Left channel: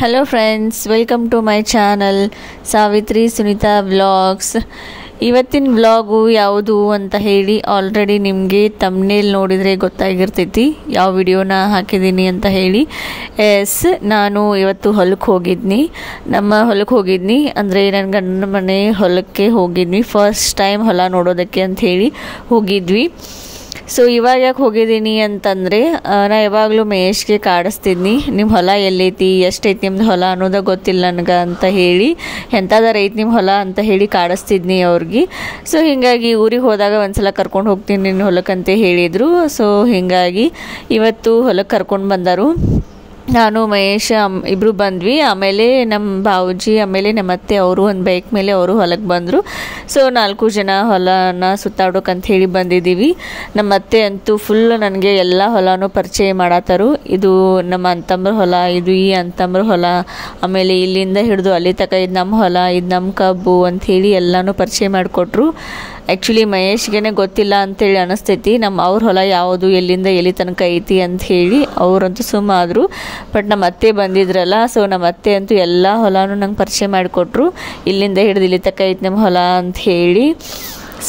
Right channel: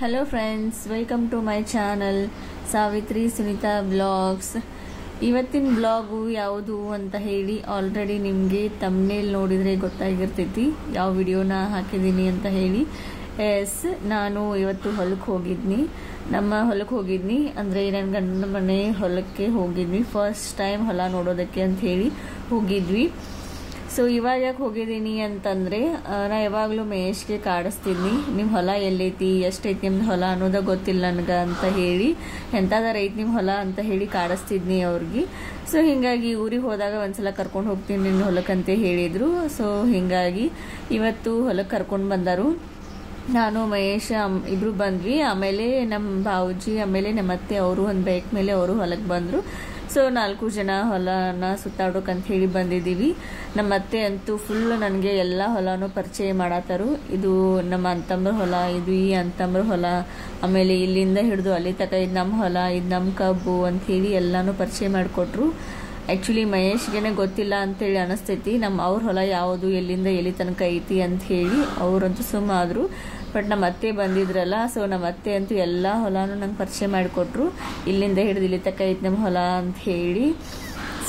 Hello friends, welcome to my channel Savitri Sunita vlogs. ಇವತ್ತಿನ vlog ಯಾವುದು ಅಂತ ಹೇಳಿ ಆಲ್ರೆಡಿ ನಿಮಗೆ ತಮ್ನೇಲ್ ನೋಡಿದರೆ ಗೊತ್ತಾಗಿರ್ತೈತಿ ಯಾವ ವಿಡಿಯೋನ ಹಾಕಿದ್ದೀನಿ ಅಂತ ಹೇಳಿ. ನಾನು ಇವತ್ತು ಹೊಲಕ್ಕೆ ಹೋಗಿದ್ನಿ. ನಮ್ಮ ಹೊಲಕ್ಕೆ ಹೋಗಿದ್ನಿ ಅಂದರೆ ನನ್ನ ಗಂಡನ ಮನೆ ಹೊಲಕ್ಕೆ ಹೋಗಿದ್ವಿ. ಫಸ್ಟ್ ಟೈಮ್ ಹೊಲ ನೋಡೋದಕ್ಕೆ ಅಂತ ಹೇಳಿ ಹೋಗಿದ್ವಿ. ಸೊ ಇವಾಗ ಯಾಕೆ ಹೋಗಿದ್ದೀನಿ ಅಂತಂದರೆ, ನಾ ಯಾವಾಗಲೂ ಮಹೇಶ್ಗೆ ಕಾಡಿಸ್ತಿದ್ನಿ, ನಿಮ್ಮ ಹೊಲ ಎಲ್ಲೈತಿ, ಎಷ್ಟೈತಿ ನಿಮ್ದು ಹೊಲ ಅನ್ನೋದು ಗೊತ್ತಿಲ್ಲ ನನಗೆ ಅಂತ ಹೇಳಿ, ಎಂಥದಾರ ಐತಿ ನಿಮ್ಮ ಹೊಲ ಅಂತ ಹೇಳಿ ಕಾಡಿಸ್ತಿದ್ನಿ ಅವ್ರಿಗೆ. ಸೊ ಹೀಗಾಗಿ ಊರಿಗೆ ಹೋದಾಗ ಒಂದ್ಸಲ ಕರ್ಕೊಂಡು ಹೋಗ್ತೀನಿ ನಿನ್ನ ಹೊಲಕ್ಕಂತ ಹೇಳಿದರು. ಸೊ ಹೀಗಾಗಿ ಇವತ್ತು ಹೊಲಕ್ಕೆ ಕರ್ಕೊಂಡು ಬಂದರು. ನಾನು ಮಹೇಶ್ ಇಬ್ಬರು ಬಂದ್ವಿ. ಆಮೇಲೆ ನಮ್ಮ ಬಾವುಜಿ, ಆಮೇಲೆ ನಮ್ಮ ಅತ್ತೆ ಅವರು ಒಂದು ಬೈಕ್ ಮೇಲೆ ಅವರು ಹೊಲಕ್ಕೆ ಬಂದರು. ಸೊ 4 ಜನ ಹೊಲನ ಸುತ್ತಾಡೋಕಂತ ಹೇಳಿ ಬಂದಿದ್ದೀವಿ. ನಮ್ಮ ಅತ್ತೆ ಅಂತೂ ಫುಲ್ ನನಗೆ ಎಲ್ಲ ಹೊಲನೂ ಪರಿಚಯ ಮಾಡತ್ತಾರು. ಇದು ನಮ್ಮ ಅಂತಂಬ್ರ ಹೊಲ, ಇದು ಈ ಅಂತಂಬ್ರ ಹೊಲ, ಆಮೇಲೆ ಇಲ್ಲಿಂದ ಹಿಡಿದು ಅಲ್ಲಿ ತನಕ ಇದು ನಮ್ಮ ಹೊಲ, ಇದು ನಮ್ಮ ಕಬ್ಬು ಅಂಥೇಳಿ ಎಲ್ಲನೂ ಪರಿಚಯ ಮಾಡಿಕೊಟ್ರು. ಆ್ಯಕ್ಚುಲಿ ಮಹೇಶ್ಗೆ ಗೊತ್ತಿಲ್ಲ ಅಂಥೇಳಿ ಅನ್ನಿಸ್ತೈತಿ ಅವ್ರ ಹೊಲ ಯಾವುದು, ಎಲ್ಲಿಂದ ಎಲ್ಲಿ ತನಕ ಐತಿ ಅಂತ ಹೇಳಿ. ಅವರಂತೂ ಸುಮ್ಮಾದರು. ಬಟ್ ನಮ್ಮ ಅತ್ತೆ ಬಂದಿದ್ರಲ್ಲ, ಸೊ ನಮ್ಮ ಅತ್ತೆ ಅಂತೂ ಎಲ್ಲ ಹೊಲನೂ ನಂಗೆ ಪರಿಚಯ ಮಾಡಿಕೊಟ್ರು. ಇಲ್ಲಿಂದ ಹಿಡಿದು ಇಲ್ಲಿ ತನಕ ಐತಿ ನಮ್ಮ ಹೊಲ ಅಂತ ಹೇಳಿ.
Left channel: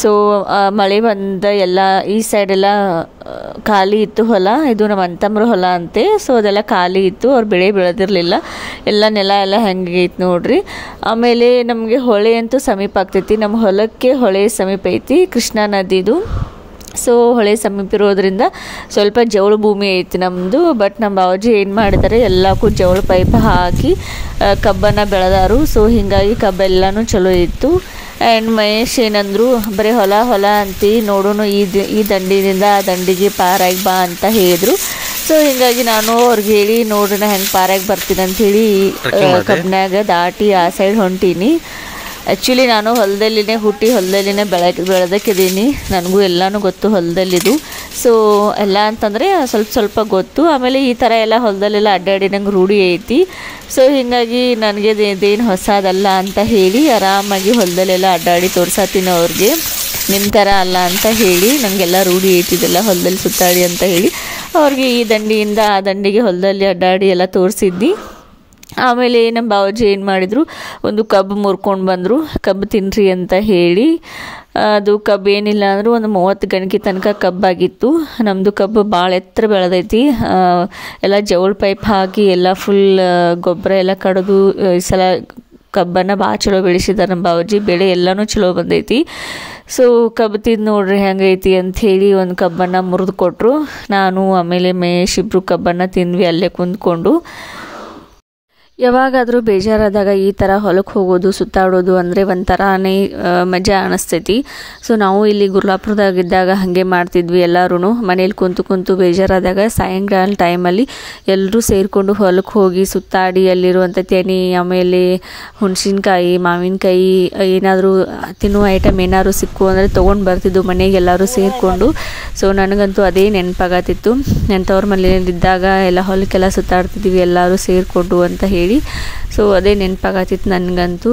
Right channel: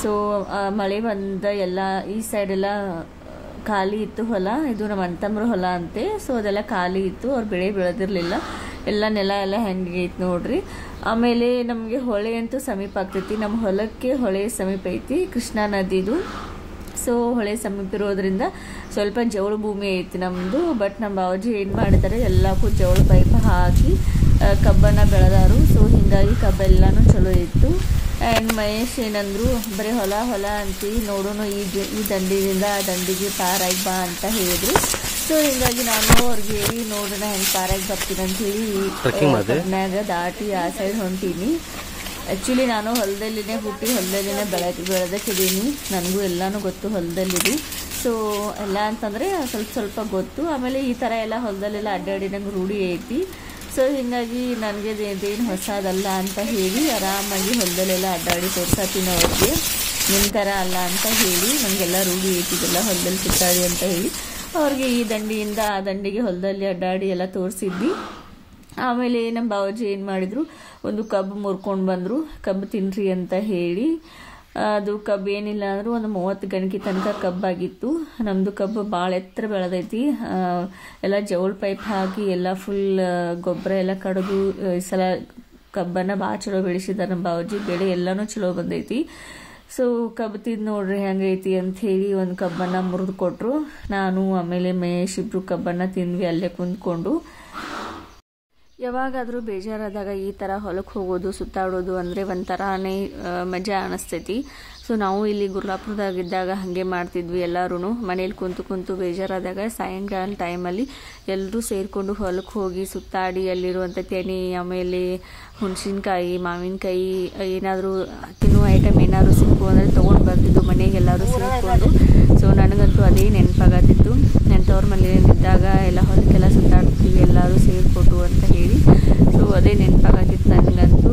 ಸೊ ಮಳೆ ಬಂದ ಎಲ್ಲ ಈ ಸೈಡೆಲ್ಲ ಖಾಲಿ ಇತ್ತು ಹೊಲ. ಇದು ನಮ್ಮ ಅಂತಂಬ್ರ ಹೊಲ ಅಂತೆ. ಸೊ ಅದೆಲ್ಲ ಖಾಲಿ ಇತ್ತು, ಅವ್ರು ಬೆಳೆ ಬೆಳೆದಿರಲಿಲ್ಲ. ಎಲ್ಲ ನೆಲ ಎಲ್ಲ ಹೆಂಗೆ ಐತಿ ನೋಡ್ರಿ. ಆಮೇಲೆ ನಮಗೆ ಹೊಳೆ ಅಂತೂ ಸಮೀಪ ಆಗ್ತೈತಿ. ನಮ್ಮ ಹೊಲಕ್ಕೆ ಹೊಳೆ ಸಮೀಪ ಐತಿ, ಕೃಷ್ಣಾ ನದಿದು. ಸೊ ಹೊಳೆ ಸಮೀಪ ಇರೋದ್ರಿಂದ ಸ್ವಲ್ಪ ಜವಳ ಭೂಮಿ ಐತಿ ನಮ್ಮದು. ಬಟ್ ನಮ್ಮ ಬಾವಜಿ ಏನು ಮಾಡಿದ್ದಾರೆ, ಎಲ್ಲಕ್ಕೂ ಜವಳ ಪೈಪ್ ಹಾಕಿ ಕಬ್ಬನ್ನು ಬೆಳೆದಾರು. ಸೊ ಹೀಗಾಗಿ ಕಬ್ಬೆಲ್ಲನೂ ಚಲೋ ಇತ್ತು. ಆ್ಯಂಡ್ ಮಹೇಶ್ ಏನಂದರು, ಬರೀ ಹೊಲ ಹೊಲ ಅಂತಿ, ನೋಡೋಣ ಈ ದಂಡಿನಿಂದ ಆ ದಂಡಿಗೆ ಪಾರಾಗಿ ಬಾ ಅಂತ ಹೇಳಿದರು. ಸೊ ಹೀಗಾಗಿ ನಾನು ಅವ್ರಿಗೆ ಹೇಳಿ, ನೋಡ್ರಿ ನಾ ಹೆಂಗೆ ಪಾರಾಗಿ ಬರ್ತೀನಿ ಅಂಥೇಳಿ ಕಬ್ಬಿನಾಗ ದಾಟಿ ಆ ಸೈಡ್ ಹೊಂಟೀನಿ. ಆ್ಯಕ್ಚುಲಿ ನಾನು ಹೊಲದಲ್ಲಿನೇ ಹುಟ್ಟಿ ಹೊಲದಲ್ಲಿನೇ ಬೆಳೆದಕ್ಕಿದ್ದೀನಿ. ನನಗೂ ಎಲ್ಲನೂ ಗೊತ್ತು ಹೊಲದಲ್ಲಿದು. ಸೊ ಎಲ್ಲ ಅಂತಂದರೆ ಸ್ವಲ್ಪ ಗೊತ್ತು. ಆಮೇಲೆ ಈ ಥರ ಎಲ್ಲ ಹೊಲದಲ್ಲೆಲ್ಲ ಅಡ್ಡಾಡಿ ನಂಗೆ ರೂಢಿ ಐತಿ. ಸೊ ಹೀಗಾಗಿ ನನಗೆ ಇದೇನು ಹೊಸದಲ್ಲ ಅಂತ ಹೇಳಿ ಆರಾಮಾಗಿ ಹೊಲದಲ್ಲೆಲ್ಲ ಅಡ್ಡಾಡಿ ತೋರ್ಸತ್ತೀನಿ ಅವ್ರಿಗೆ. ನಿಮ್ಮ ಥರ ಅಲ್ಲ ಅಂತ ಹೇಳಿ, ನನಗೆಲ್ಲ ರೂಢಿ ಐತಿದೆಲ್ಲ ಹೊಲದಲ್ಲಿ ಸುತ್ತಾಡಿ ಅಂತ ಹೇಳಿ ಅವ್ರಿಗೆ ಈ ದಂಡಿಯಿಂದ ಆ ದಂಡಿಗೆ ಹೊಲದಲ್ಲಿ ಅಡ್ಡಾಡಿ ಎಲ್ಲ ತೋರಿಸಿದ್ನಿ. ಆಮೇಲೆ ನಮ್ಮ ಬಾವಜಿ ಏನು ಮಾಡಿದರು, ಒಂದು ಕಬ್ಬು ಮುರ್ಕೊಂಡು ಬಂದರು, ಕಬ್ಬು ತಿನ್ನಿರಿ ಅಂತ ಹೇಳಿ. ಅದು ಕಬ್ಬು ಏನಿಲ್ಲ ಅಂದರೂ ಒಂದು 30 ಗಣಕಿ ತನಕ ಕಬ್ಬಾಗಿತ್ತು. ನಮ್ಮದು ಕಬ್ಬು ಭಾಳ ಎತ್ತರ ಬೆಳೆದೈತಿ. ಎಲ್ಲ ಜವಳ ಪೈಪ್ ಹಾಕಿ ಎಲ್ಲ ಫುಲ್ ಗೊಬ್ಬರ ಎಲ್ಲ ಕಡಿದು ಈ ಸಲ ಕಬ್ಬನ್ನು ಭಾಳ ಚಲೋ ಬೆಳೆಸಿದ್ದಾರೆ ನಮ್ಮ ಬಾವಜಿ. ಬೆಳೆ ಎಲ್ಲನೂ ಚಲೋ ಬಂದೈತಿ. ಸೊ ಕಬ್ಬು ತಿಂದು ನೋಡ್ರಿ ಹೆಂಗೈತಿ ಅಂಥೇಳಿ ಒಂದು ಕಬ್ಬನ್ನು ಮುರಿದು ಕೊಟ್ಟರು. ನಾನು ಆಮೇಲೆ ಮಹೇಶ್ ಇಬ್ಬರು ಕಬ್ಬನ್ನು ತಿಂದ್ವಿ ಅಲ್ಲೇ ಕುಂದ್ಕೊಂಡು. ಯಾವಾಗಾದರೂ ಬೇಜಾರಾದಾಗ ಈ ಥರ ಹೊಲಕ್ಕೆ ಹೋಗೋದು, ಸುತ್ತಾಡೋದು ಅಂದರೆ ಒಂಥರನೇ ಮಜಾ ಅನ್ನಿಸ್ತೈತಿ. ಸೊ ನಾವು ಇಲ್ಲಿ ಗುರ್ಲಾಪುರದಾಗಿದ್ದಾಗ ಹಾಗೆ ಮಾಡ್ತಿದ್ವಿ. ಎಲ್ಲರೂ ಮನೇಲಿ ಕುಂತು ಬೇಜಾರಾದಾಗ ಸಾಯಂಕಾಲ ಟೈಮಲ್ಲಿ ಎಲ್ಲರೂ ಸೇರಿಕೊಂಡು ಹೊಲಕ್ಕೆ ಹೋಗಿ ಸುತ್ತಾಡಿ ಅಲ್ಲಿರುವಂಥ ತೆನೆ, ಆಮೇಲೆ ಹುಣಸಿನ್ಕಾಯಿ, ಮಾವಿನಕಾಯಿ, ಏನಾದರೂ ತಿನ್ನುವ ಐಟಮ್ ಏನಾದರೂ ಸಿಕ್ಕು ಅಂದರೆ ತೊಗೊಂಡು ಬರ್ತಿದ್ದು ಮನೆಗೆ ಎಲ್ಲರೂ ಸೇರಿಕೊಂಡು. ಸೊ ನನಗಂತೂ ಅದೇ ನೆನಪಾಗತ್ತಿತ್ತು. ನೆಂಟವ್ರ ಮನೆಯಲ್ಲಿದ್ದಾಗ ಎಲ್ಲ ಹೊಲಕ್ಕೆಲ್ಲ ಸುತ್ತಾಡ್ತಿದ್ವಿ ಎಲ್ಲರೂ ಸೇರಿಕೊಂಡು ಅಂತ ಹೇಳಿ. ಸೊ ಅದೇ ನೆನಪಾಗತ್ತಿತ್ತು ನನಗಂತೂ.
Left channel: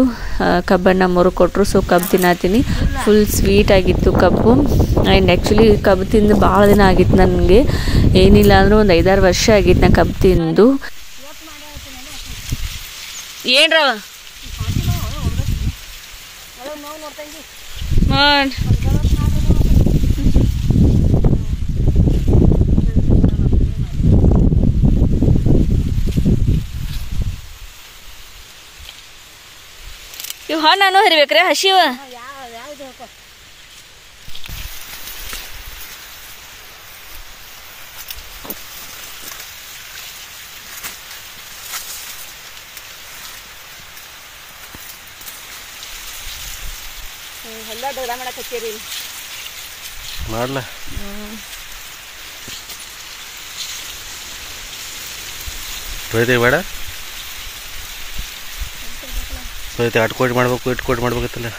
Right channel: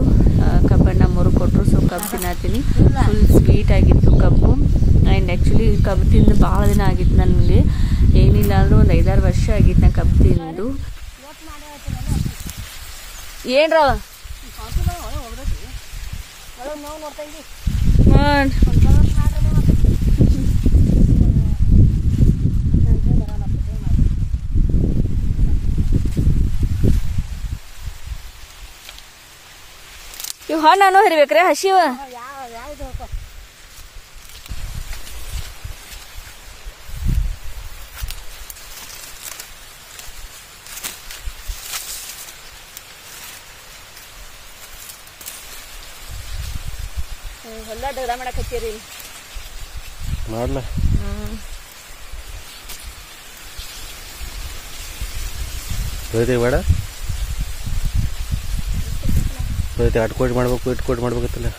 ಕಬ್ಬನ್ನು ಮುರಿಕೊಟ್ರು. ಸೊ ಕಬ್ಬು ತಿನ್ನತ್ತೀನಿ. ಫುಲ್ ಸ್ವೀಟ್ ಆಗಿತ್ತು ಕಬ್ಬು. ಆ್ಯಂಡ್ ಆ್ಯಕ್ಚುಲಿ ಕಬ್ಬು ತಿಂದು ಭಾಳ ದಿನ ಆಗಿತ್ತು ನನಗೆ. ಏನಿಲ್ಲ ಅಂದರೂ ಒಂದು 5-6 ವರ್ಷ ಆಗಿತ್ತು ನಾ ಕಬ್ಬು ತಿಂದು. ಏನ್ರವ ಇವು ಹಣ್ಣು ಹರಿಬೇಕ್ರೆ ಹಸಿವ? ಹೊಲ ಡೋರ ಮಾಡಕ್ಕೆ ಹಚ್ಚೀರಿ ಮಾಡ್ಲ. ಬೇಡ ಅಟ್ಕೋಟ್ ಮಾಡ್ಬೇಕು, ಇಟ್ಕೋಟ್ ಮಾಡ್ಬೇಕತ್ತಲ್ಲ.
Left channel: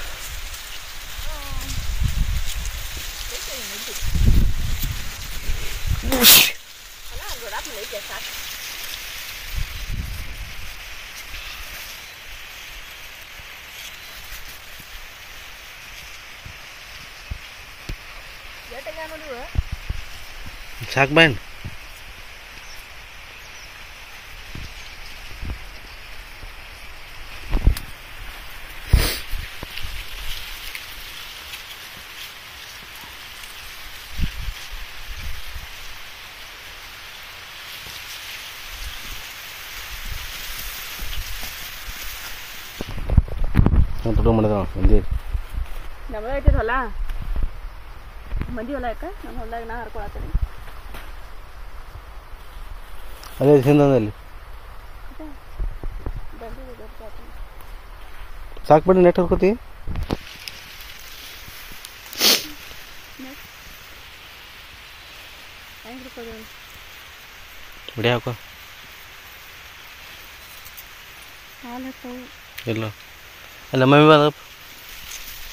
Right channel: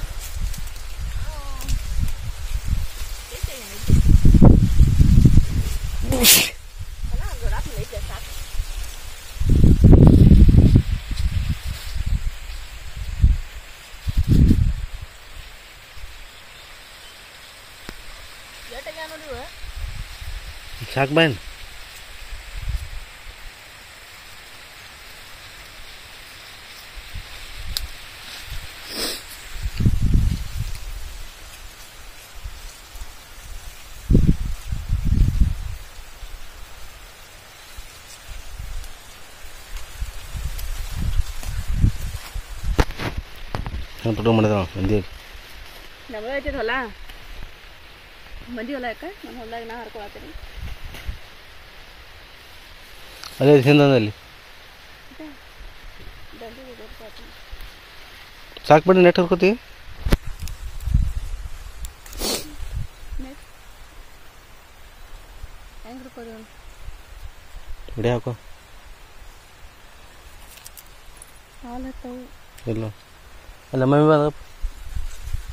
ಸಾಕು ಬಾಯ್. ತುಡು ಮಾಡಿದ ಮಂದಿ ನಮ್ಮದು ಐತಿದ ಹೊಲ ಮಂದಿ ಹೊಲ ಯಾಕೆ ನಮ್ಮ ಹೊಲದಾಗ ನಾ ಹರ್ಕೊಳತ್ತೀನಿ ಅದೇ ಹಿಂದಲ್ಲಿ ಸಾಕ್ಬಿಡಿ ನೆಟ್ ಹರ್ಕೋತಿ ಬಿಡಿ ಹಾಕೋ ಇಲ್ಲ ಅಲ್ಲ ಮಮ್ಮಿ ಬಂದ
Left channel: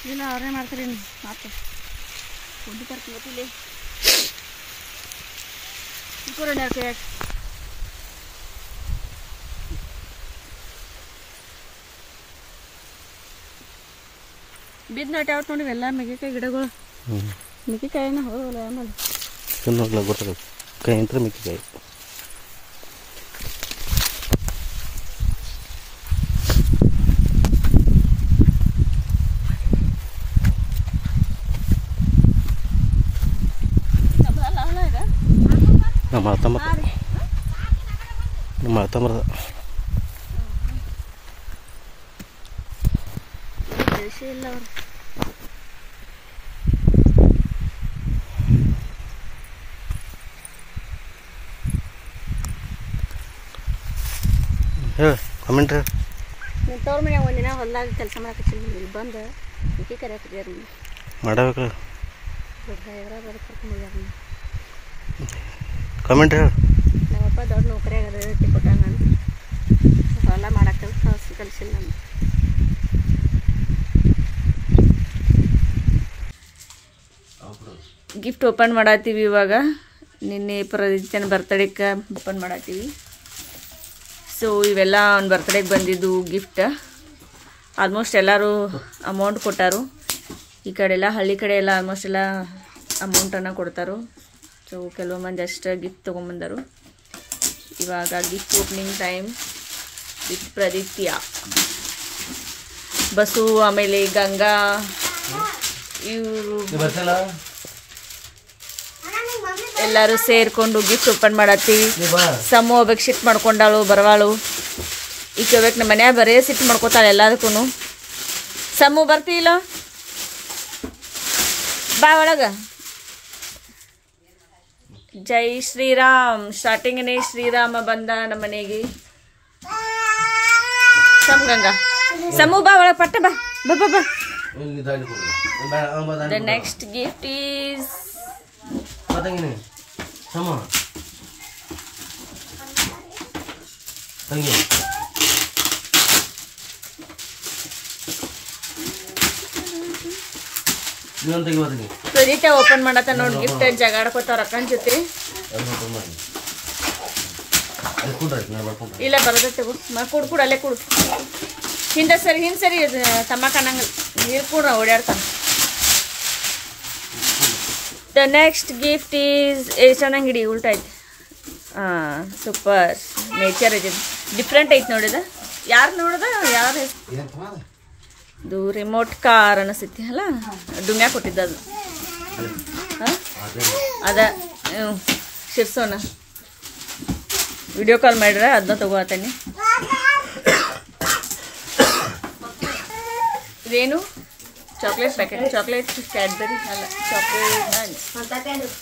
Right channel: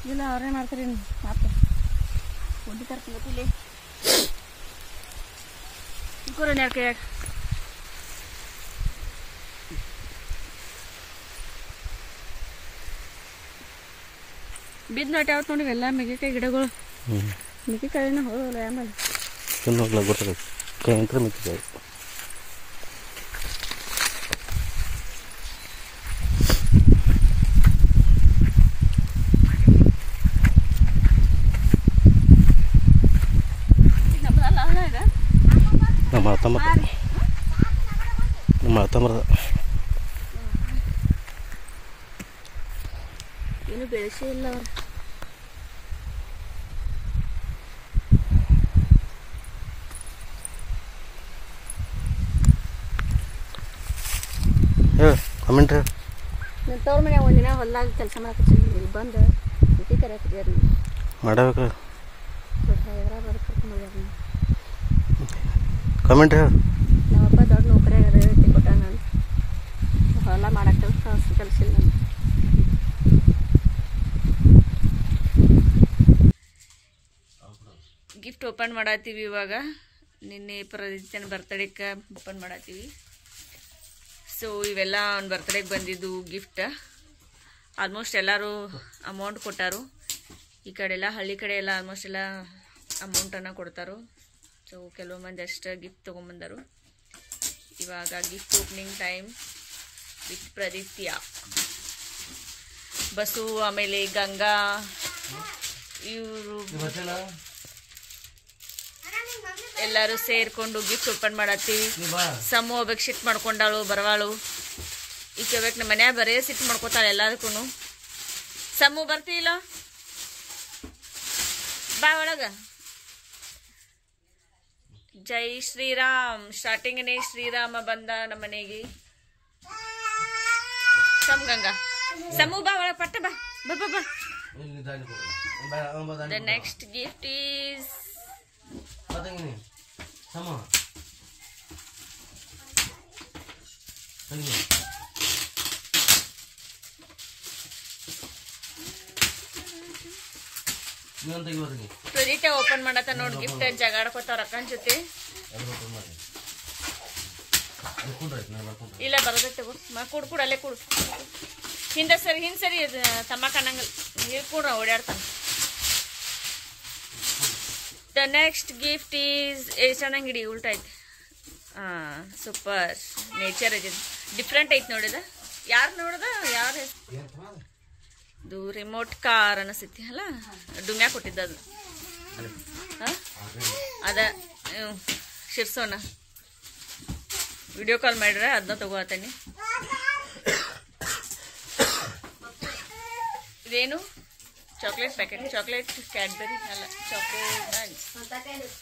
ಇಲ್ಲ ಅವ್ರನ್ನೇ ಮಾಡ್ತಾರೆ ಮಾತು ಒಂದು ಕರ್ಕೊಂಡು ಕೂರೋಣ ಯಾಕೆ ಬಿದ್ದು ನಾಟಿ out ನೋಡಿ ಎಲ್ಲ ಮೆಗೆಕಾಯಿ ಗಿಡಗಳು ಮೆಗೆಕಾಯಿನ ಹೋಗಲ್ಲ ಆಮೇಲೆ ತಿನ್ನೋಗ್ಲ ಗೊತ್ತಾಗುತ್ತೆ ಕೈ ಅಂತ ಮೆಕ್ಕೆಕಾಯಿ ನಮ್ಮ ಅತ್ತಂಬರದ ಬೆಳೆಸಿ ಇಲ್ಲ ಅವ್ರು ಹೇಳು ಕಮೆಂಟ್ ಹೇಳು ನಿಮ್ಮ ತವ್ರ ಮನ್ಯಾಗ ಒಂದಿನ ಹೊಲ್ದಾಗ ಕೆಲಸ ಮಾಡಕತ್ತೀನಿ ಇಲ್ಲಿ ಬಂದು ಮಿಕ್ಕಿ ಕರೆಯಾಕಿದ್ಯಾರ ಮಾಡಬೇಕಲ್ಲ ದೊಡ್ಡ ಹೈದ್ರಾಬಾದ್ ಕರ್ಕೊಂಡು ಹೋಗ್ಯಾರ ಕಮೆಂಟ್ ಹೇಳು ನಮ್ಮಪ್ಪ ದೊಡ್ಡ ನೌಕರಿಯಾಗ ಇರತ್ತೆ ಕೊಟ್ಟ ನಾನು ಹೊಲ ಮಾಡಕ್ಕೆ ಕಲಿಸಿಲ್ಲ ನಾನು ಗಿಫ್ಟ್ ಓಪನ್ ಮಾಡತ್ತೀವಿ ಇವಾಗ ನಿನ್ನೆ ಪ್ರದಿತ್ಯನ ಬರ್ತಡೇಗೆ ಓಪನ್ ಮಾಡತ್ತೀವಿ ಸೊ ಇವೆಲ್ಲ ಅವ್ನ ಬರ್ತಡೇಗೆ ಬಂದಿದ್ದು ಗಿಫ್ಟ್ ಆಲ್ಮೋಸ್ಟ್ ಎಲ್ಲರೂ ಅಮೌಂಟ್ ಕೊಟ್ಟಾರು ಈ ಕಡೆ ಎಲ್ಲ ಹಳ್ಳಿ ಕಡೆ ಎಲ್ಲ ಆಲ್ಮೋಸ್ಟ್ ಎಲ್ಲ ಅಮೌಂಟನ್ನು ಕೊಡ್ತಾರು ಸೊ ಕೆಲವು ಮಂದಿ ಅಷ್ಟು ಗಿಫ್ಟ್ ತೊಗೊಂಬಂದರು ಇವಾಗ gift opening time with Praditya Basu ಆಮೇಲೆ ಗಂಗಾ ಇವರು ಎಲ್ಲರೂ ಸೇರ್ಕೊಂಡು ಗಿಫ್ಟ್ ಓಪನ್ ಮಾಡತ್ತೀವಿ ಸಮೂ ಹೋಗ್ಬೇಕು ಶಿಫ್ಟ್ ಮಾಡ್ಕೊಂಡಾಳು ಬರವಾಳು ಈಗ ಹೋಗ್ಬೇಕು ನಮ್ಮ ಮನ್ಯಾಗ ಬರೇ ಸಿಟ್ಟು ಮಾಡ್ಕೋತಾಳೆ ಎಲ್ಲದಕ್ಕೂ ಸಮೂ ಬರ್ತೀಯಿಲ್ಲ ಬಾ ಒಳಗ ಜೈ ಶ್ರೀರಾಮ್ ಸ್ಟಾರ್ಟಿಂಗನೇ ಶ್ರೀರಾಮ ಬಂದ ನಮ್ಮ ಮನೆಗೆ ಸಮ್ ಗಂಗಾ ಸಮೂ ಬಾ ಒಳಗೆ ಪಟ್ಟ ಬಾ ಬಾ ಬಾ ಬಾ ದ ನೆಕ್ಸ್ಟ್ ಗಿಫ್ಟ್ ಈಸ್ ಪ್ರದೀತ ಓಪನ್ ಮಾಡತ್ತ ನೋಡಿ ಗಿಫ್ಟ್ ಜಗಾಡ್ಕೋತಾವ ಅಕ್ಕನ ಜೊತೆ ಇಲ್ಲ ಬರೋದತ್ತೆ ಕುಡ್ ಕೂಡ ಅಲ್ಲೇ ಕುಡು ಹಿಂದೆ ಸರಿ ತಮ್ಮಕ್ಕ ಅನ್ನಂಗ ನೀರು ಕೂಡ ಓಡಾಡ್ತಾನ ದ ನೆಕ್ಸ್ಟ್ ಗಿಫ್ಟ್ ಈಸ್ ಚೆನ್ನಾಗಿಡಿ ಉಲ್ಟಾ ಐತೆ ಹಾಂ ಸೂಪರ್ ನೇಚರ್ ಐತಿ ಡಿಫ್ರೆಂಟ್ ಐತೆ ನೋಡಿದ ಯಾರು ನೋಡ್ದ ಯಾರು ಇದು ರಿಮೋಟ್ ಕಾರ್ ಅನಿಸ್ತೈತಿ ಅಲ್ಲ ಡುಂಗ್ಯಾ ಕೊಟ್ಟಿದ್ದ ಅದು ಹಾಂ ಅದ ಶಿರ್ಸೋನ ವಿಡಿಯೋ ಕಾಲ್ ಮಾಡ್ರೆ ಅದನ್ನ ತಗೋತೀನಿ ಇದೇನು ಚಾಕ್ಲೇಟ್ ಪ್ಯಾಕೆಟ್ ಚಾಕ್ಲೇಟ್ ಕ್ಯಾಡ್ಬರಿ ಅಲ್ಲ ಚಾಕ್ಲೇಟ್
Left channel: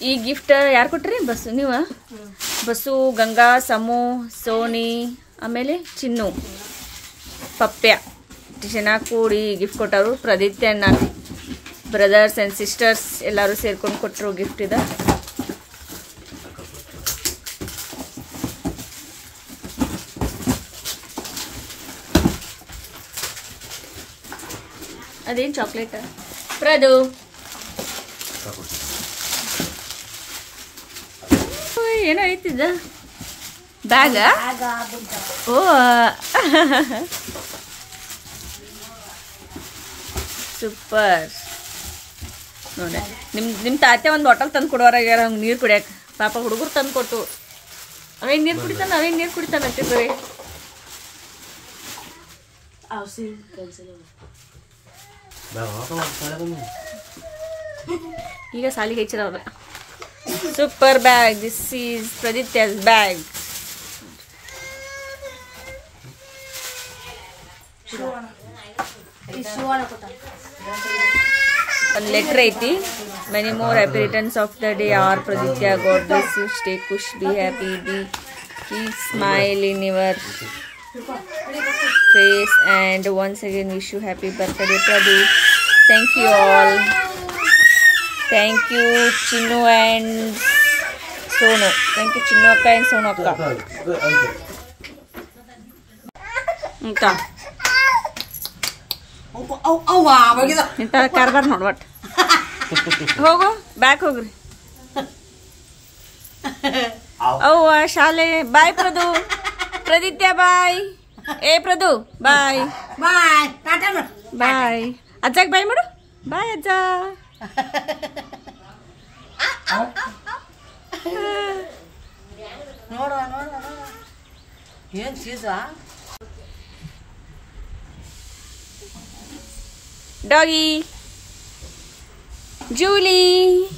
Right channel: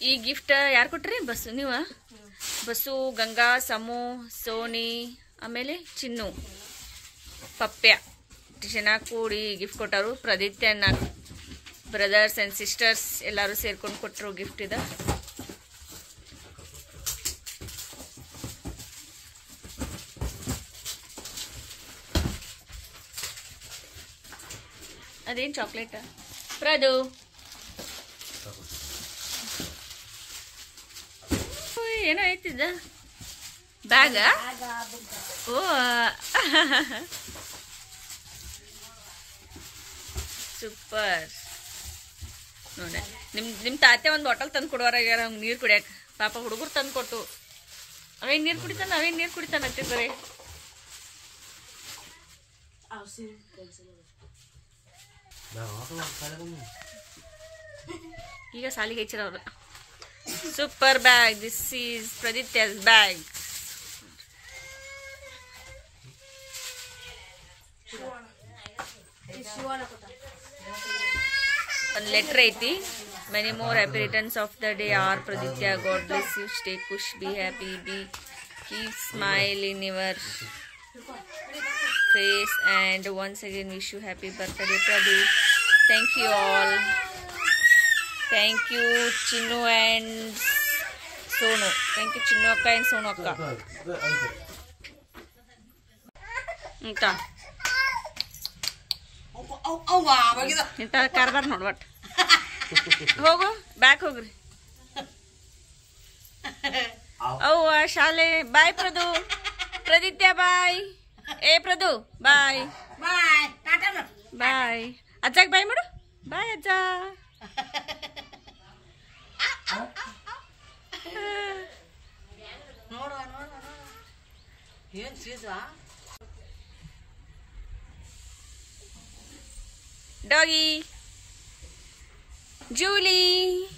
ಈ ಗಿಫ್ಟ್ ಯಾರು ಕೊಟ್ರಿ ಬಸ್ಸು ನೀವು ಬಸ್ಸು ಗಂಗಾ ಸಮೂ ಸೋನಿ ಆಮೇಲೆ ಚಿನ್ನು ಪಪ್ಯ ಚೆನ್ನಾಗಿ ಕೂಡಿ ಗಿಫ್ಟ್ ಕೊಟ್ಟರು ಪ್ರದಿತ್ಯ ಅಣ್ಣ ಬ್ರದರ್ಸ್ ಆ್ಯಂಡ್ ಸಿಸ್ಟರ್ಸ್ ಎಲ್ಲರೂ ಸೇರ್ಕೊಂಡು ಕೊಟ್ಟರು ಗಿಫ್ಟ್ ಇದೆ ಅದೇನು ಚಾಕ್ಲೇಟ್ ಪ್ರದು ಏನೋ ಐತಿದ್ದ ಬ್ಯಾಗ ಓ ಸೂಪರ್ ನೋಡ ನಿಮ್ಮ ತಾತೆ ಒಂದು ಬಾಟಲ್ ತಂದು ಕೊಡೋರಾಗ್ಯಾರ ಹಂಗೆ ನೀರು ಕುಡಿಯಕ್ಕೆ ಪಾಪ ಹುಡುಗರು ತಂದು ಕೊಟ್ಟು ಅವೇನು ನೀರು ಕುಡಿತಾನ ಅಂತೆ ಬರೀ ಈಗ ಸಾಲಿಗೆ ಹೆಚ್ಚಿರ ಅವ್ರ Super bag. This is Praditya's bag. One letter ಐತಿ. Many more happy returns of the day are Praditya. God bless you. Stay kush. Be happy. Keep smile in your face. And once again wish you happy birthday, Pradu. Thank you all. Thank you Chinnu and Sonu. Thank you Chinnu akka and Sonu akka. Inta. ಇಂಥ ಕಾರ್ಬಾರ್ ನೋಡ್ ಒಟ್ಟು ಹೋಗು back ಹೋಗ್ರಿ ಅವ್ವ ಶಾಲೆ ಬಾಯ್ ಪ್ರದು ಪ್ರದಿತ್ಯ ಬಾಯ್ ಏ ಪ್ರದು ಬಾಯ್ ಬಾಯ್ ಅಜ್ಜಾಗ ಬಾಯ್ ಮಾಡು ಬಾಯ್ ಅಜ್ಜ ಏನ್ ಚೀಸ Doggy, Julie.